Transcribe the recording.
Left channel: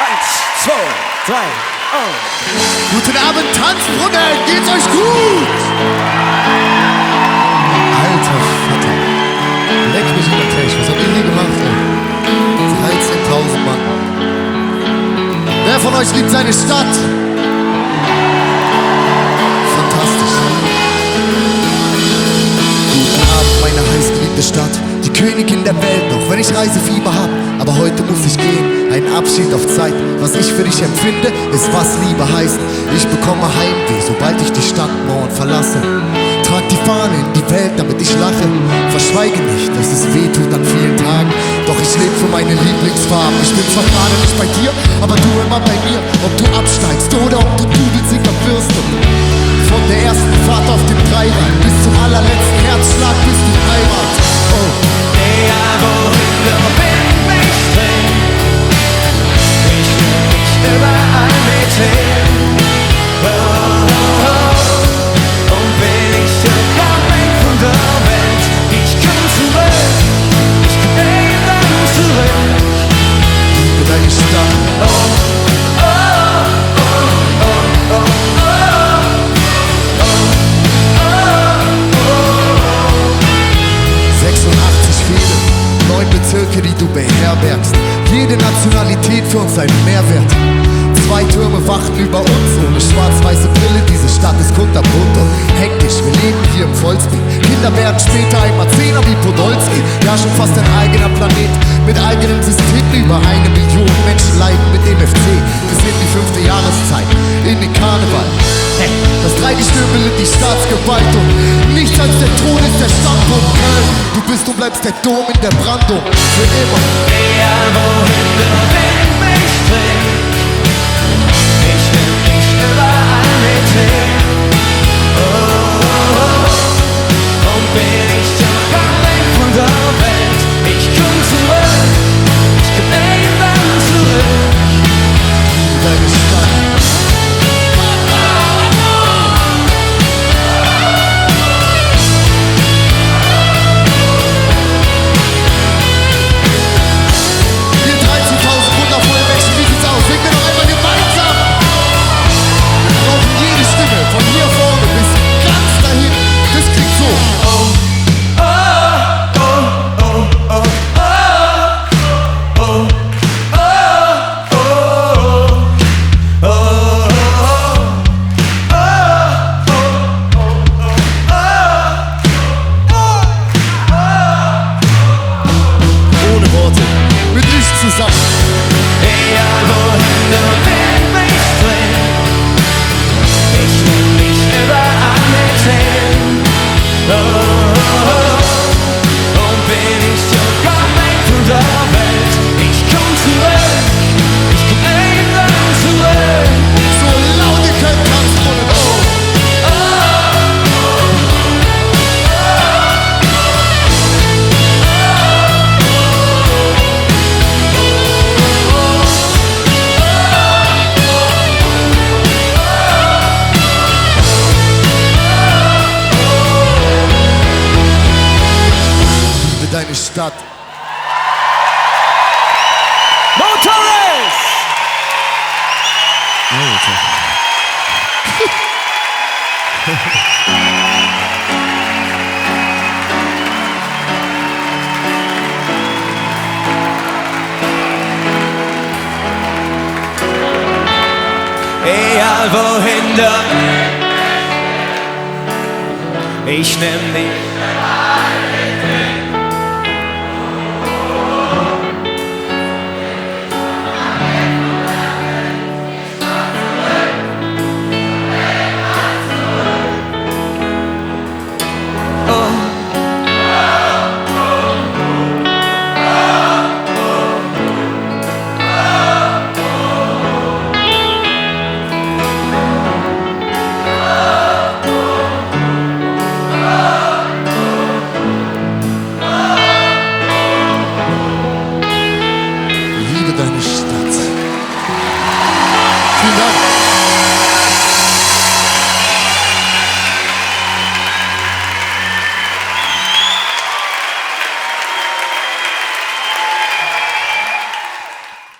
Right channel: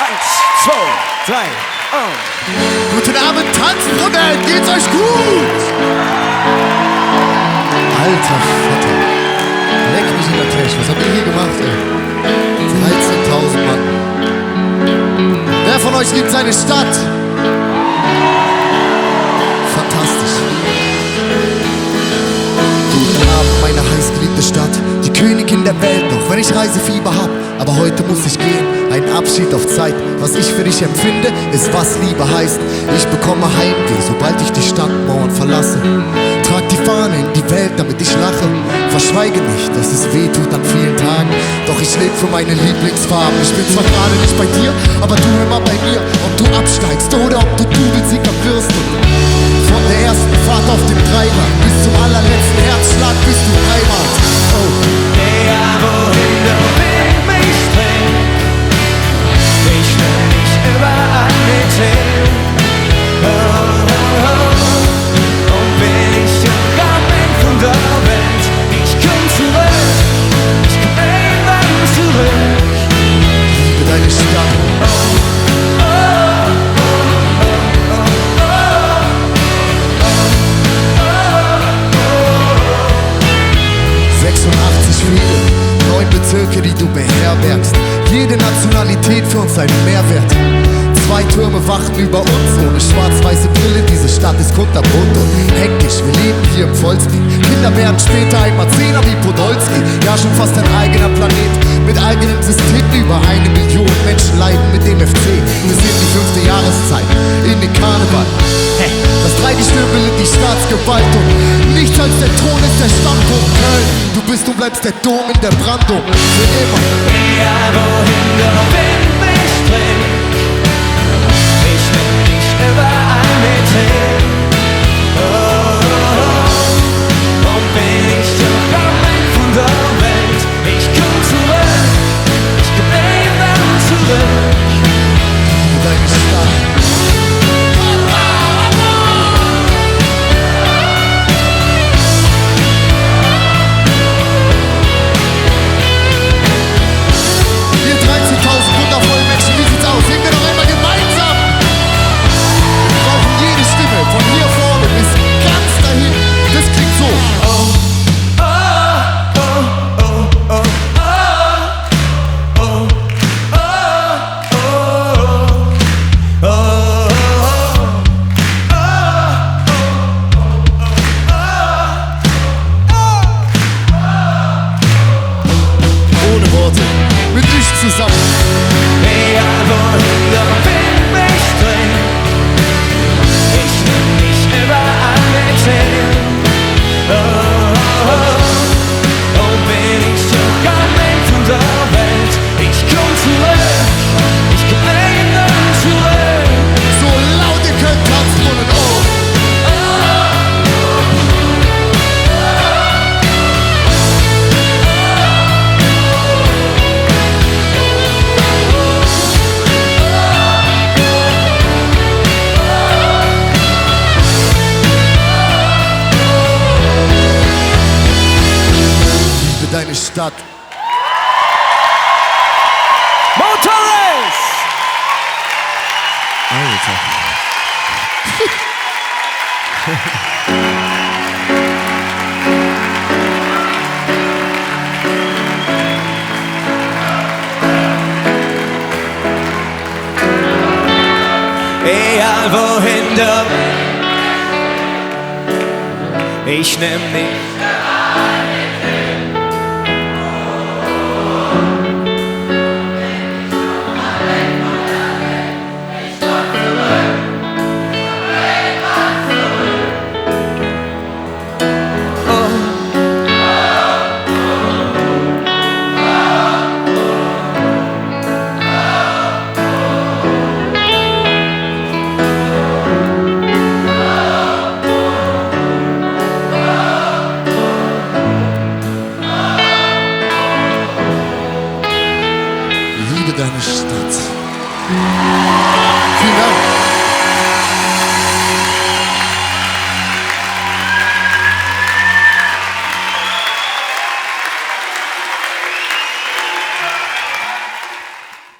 1, 2, 3 und... Guten Abend, Tanzbrunnen, geht's euch gut? Alter Vater, leck mich in der Tisch, was habt ihr hier gemacht, ey? 13.000 Mann. Wer von euch liebt seine Stadt? Fantastisch. Guten Abend, meine heißgeliebte Stadt, die Königin der Welt, auch wenn ich Reisefieber hab. Aber heute muss ich gehen, ein Abschied auf Zeit. Was ich für dich empfinde, ist was Liebe heißt. Ich bekomme Heimweh, sobald ich die Stadtmauern verlasse. Trag die Fahne in die Welt, damit ich lache. Verschweige nicht, dass es weh tut an vielen Tagen. Doch ich lebe für meine Lieblingsfarben. Ich bin zwar gerade nicht bei dir, aber du immer bei mir. Ob du absteigst oder ob du Doublesieger wirst. Und von der ersten Fahrt auf dem Dreirad bis zum allerletzten Herzschlag bist du Heimat. Oh. Egal wohin der Wind mich trägt, ich nehm mich überall mit hin. Oh, oh, oh. Und bin ich doch am Ende von der Welt, ich komm zurück, ich komm irgendwann zurück. Liebe deine Stadt. Oh, oh, oh, oh, oh, oh. 86 Fäden, 9 Bezirke, die du beherbergst. Jede Nationalität für uns einen Mehrwert. 2 Türme wachen über uns, ohne schwarz-weiße Brille. Diese Stadt ist kunterbunt und hektisch, wir leben hier im Vollspeed. Kinder werden später einmal Zehner wie Podolski. Ja, schon fast ein eigener Planet mit eigenem System. Über 1 Million Menschen leiden mit dem FC. Wir sind die 5. Jahreszeit in den Karneval. Das Dreigestirn bildet die Staatsgewalt und nichts als der Thron ist der Standpunkt. Köln, du bist und bleibst der Dom in der Brandung. Für immer. Egal wohin der Wind mich trägt, ich nehm dich überall mit hin. Oh, oh, oh. Und bin ich doch am Ende von der Welt, ich komm zurück, ich komm irgendwann zurück. Liebe deine Stadt. Wundervolle Menschen, wie sieht's aus? Singen wir noch einmal gemeinsam! Wir brauchen jede Stimme, von hier vorne bis ganz dahin. Das klingt so. Oh, oh, oh, oh, oh, oh, oh, ohne Worte, mit nichts zusammen. egal wohin der Wind mich trägt, ich nehm dich überall mit hin. Oh, oh, oh. Und bin ich doch am Ende von der Welt, ich komm zurück, ich komm irgendwann zurück. So laut ihr könnt, Tanzbrunnen, oh. Deine Stadt. Motorist! Alter. Egal wohin der, ich nehm dich. Liebe deine Stadt. Vielen Dank.